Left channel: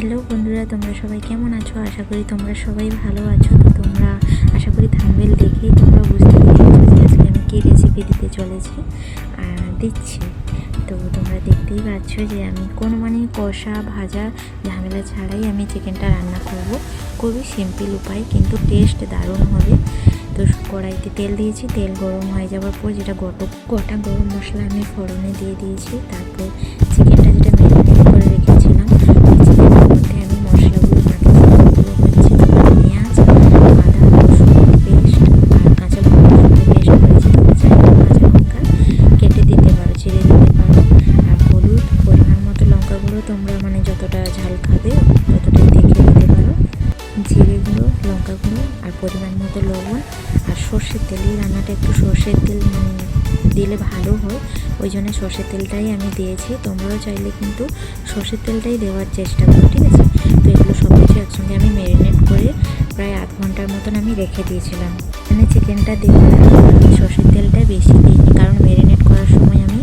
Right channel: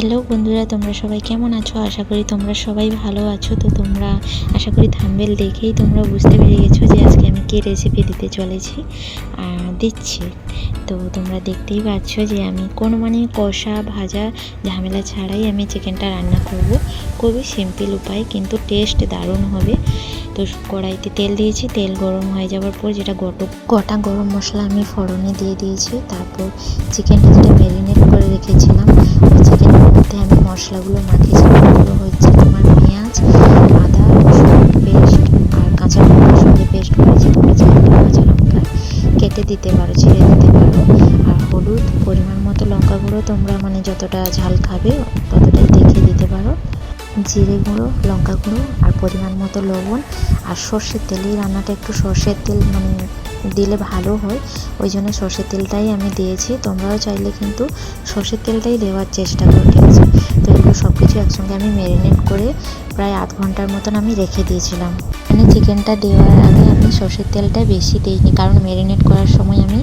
Hello বন্ধুরা, তোমরা সবাই কেমন আছো? আশা করি তোমরা সবাই ভালো আছো। তো তোমরা আশা করি থাম্বনেল দেখেই তোমরা বুঝতে পেরে গেছো যে আজকে আমি কী রেসিপি দিতে চলেছি আর দিচ্ছি। তো তোমরা দেখতেই পাচ্ছ যে আমি কোনো কষা ভাজা ঝামেলা ছাড়াই আমি চিকেনটা রান্না করব। খুবই সিম্পল উপায়, কিন্তু টেস্ট দারুণ হবে। তো কড়াইতে তেল দিয়েছি, তেল গরম হয়ে যাওয়ার পর যেটা গোটা গরম মশলা আমি ফোড়নে দিয়ে দিয়েছি। তারপর চিকেনটা যেটা ম্যারিনেট করে রেখেছিলাম চিকেনের মধ্যে আমি মশলাগুলো মাখিয়েছিলাম। এগুলো হচ্ছে তোমার পেঁয়াজ, আদা রসুন পেস্ট আর কাঁচা লঙ্কার সঙ্গে পেস্ট করেছি। তোমরা চাইলে কাঁচা লঙ্কা কেটে দিতে পারো, ছিঁড়ে দিতে পারো। আর হলুদ পরিমাণ মতো, লঙ্কা গুঁড়ো তোমরা যতটা ঝাল খাবে ততটাই দেখে দিতে পারো। জিরে গুঁড়ো, লঙ্কা গুঁড়ো আর পরিমাণ মতো লবণ। আর সর্ষের তেল, এই রান্নাটা একটু সর্ষের তেল দিলে ভালো হয়, ওই জন্য সর্ষের তেলটাই আমি দিয়েছি। তোমরাও চাইলে কিন্তু সর্ষের তেলটাই দেওয়ার চেষ্টা করো, ঠিক আছে? তো এগুলো সব কিছু একসঙ্গে আমি ম্যারিনেট করে প্রায় আধ ঘন্টার মতন আমি রেখে দিয়েছিলাম। চিকেনটা দেওয়ার আগে আমি সর্ষের তেলটা বেশি দিইনি, কারণ ম্যারিনেট করার সময় আমি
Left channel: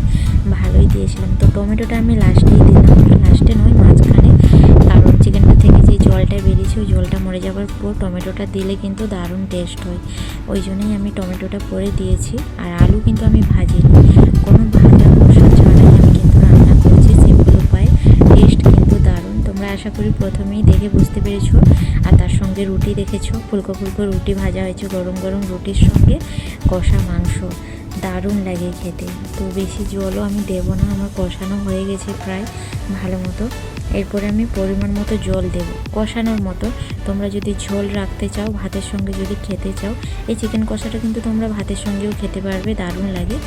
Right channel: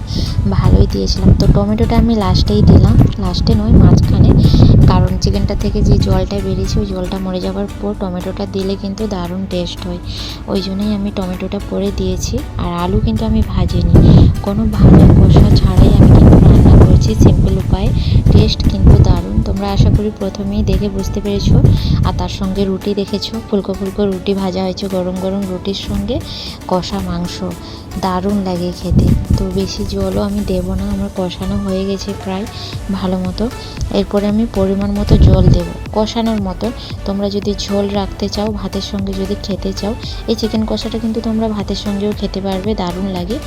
ভালোই দিয়েছিলাম। তো টমেটোটা আমি লাস্টেই দিলাম, লাস্টে নয় মাঝখানে, কারণ চিকেনটা থেকে যে জলটা বেরিয়েছে ওই জলটা মরে যাওয়ার পর টমেটোটা দিলে কিন্তু দারুণ টেস্ট হয়, ওই জন্যই আমি টমেটোটা পরে দিয়েছি। আর আলু কিন্তু আমি ভাজিনি, কোনো ভাজা কষা ছাড়াই আমি কিন্তু রান্না করছি, সিম্পল উপায়। টেস্ট কিন্তু দারুণ, তোমরা আশা করি প্রথমেই দেখে বুঝতে পেরেছো। আর তার সঙ্গে রুটি দেখেছো, ফুলকো ফুলকো রুটি ভাজা হয়েছে, গরম গরম রুটির সঙ্গে কষা মাংস, দারুণ লাগে খেতে। তো বেশি জলও আমি দেবো না, আমার কষানো হয়ে গেছে প্রায় ভালো মতো। এরপরে আমি পরিমাণ মতো জল দেব কষানোর মতো। তোমরা যদি ঝোল রাখতে চাও, ভাতের সঙ্গে যদি খেতে চাও, এই চিকেন কষাটা কিন্তু তোমরা ভাতের সঙ্গেও খেতে পারবে, দারুণ লাগে।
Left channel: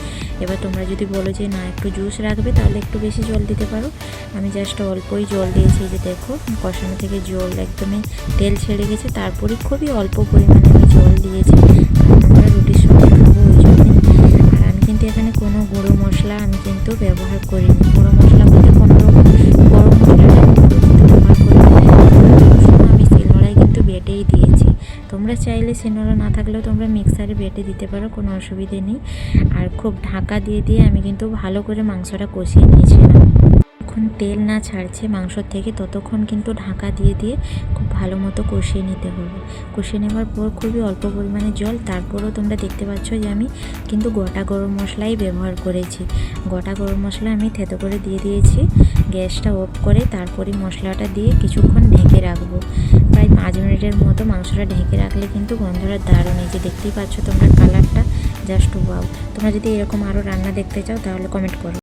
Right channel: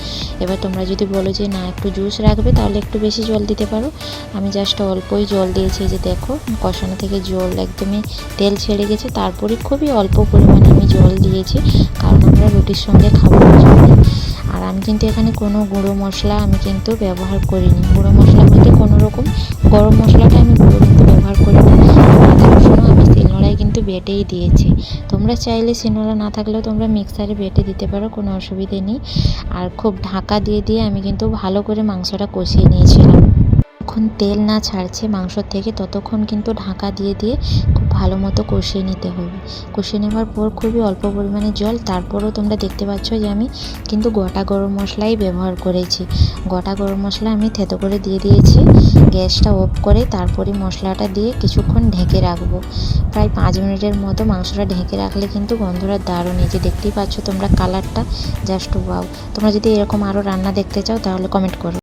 এবার তোমরা যদি বলো যে না একটু জুস রাখবে, তাহলে একটু বেশি জল দিতে পারো। আমি জাস্ট অল্পই জল দিয়েছি, যে দেখো কষানো থেকে জল একদমই তেল ছেড়ে গেছে। তারপরে খুবই অল্প পরিমাণে আমি জল দিয়েছি, কারণ আমরা রুটির সঙ্গে খাবো জন্য। আর আমি কিন্তু এখানে কোনো গুঁড়ো মশলা আমি কিন্তু ব্যবহার করিনি। গুঁড়ো মশলা বলতে কোনো রকম গরম মশলাটা আমি গুঁড়ো কিন্তু ব্যবহার করিনি। সবসময় আমি শিলনোড়ায় কিন্তু বেটেই দিয়েছি। তোমরা চাইলে শিলনোড়া না থাকলেও তোমরা মিক্সারে বেটে দিতে পারো, কোনো অসুবিধে নেই। আর খুব ঢাকা দিয়ে দিয়ে আমি কিন্তু ভালো করে মাংসটা কষিয়ে নিয়েছিলাম। যখন তেল না ছাড়ছে মাংসর থেকে ততক্ষণ কিন্তু ঢাকা দিয়ে দিয়ে খুব ভালো মতো কষিয়ে নিতে হবে। কষিয়ে নেওয়ার পর খুবই অল্প পরিমাণে জল। তারপরও তোমরা দেখতে পাচ্ছ যে আমি কিন্তু গোটা গরম মশলাই ব্যবহার করেছি। গোটা গরম মশলা আমি থেতো করে দিয়ে দিয়েছি। গ্যাসটা অফ করে তারপরে মশলাটা দিয়ে কিছুক্ষণ ঢেকে রাখবো, প্রায় 5 মিনিটের মতো মাংসটা ঢেকে রাখলে কিন্তু গন্ধটা দারুণ। এই যে দেখতেই পাচ্ছ তোমরা কালারটা, জাস্ট ওয়াও। তোমরা যদি এরকম আরও রান্না দেখতে চাও তাহলে কমেন্ট করো।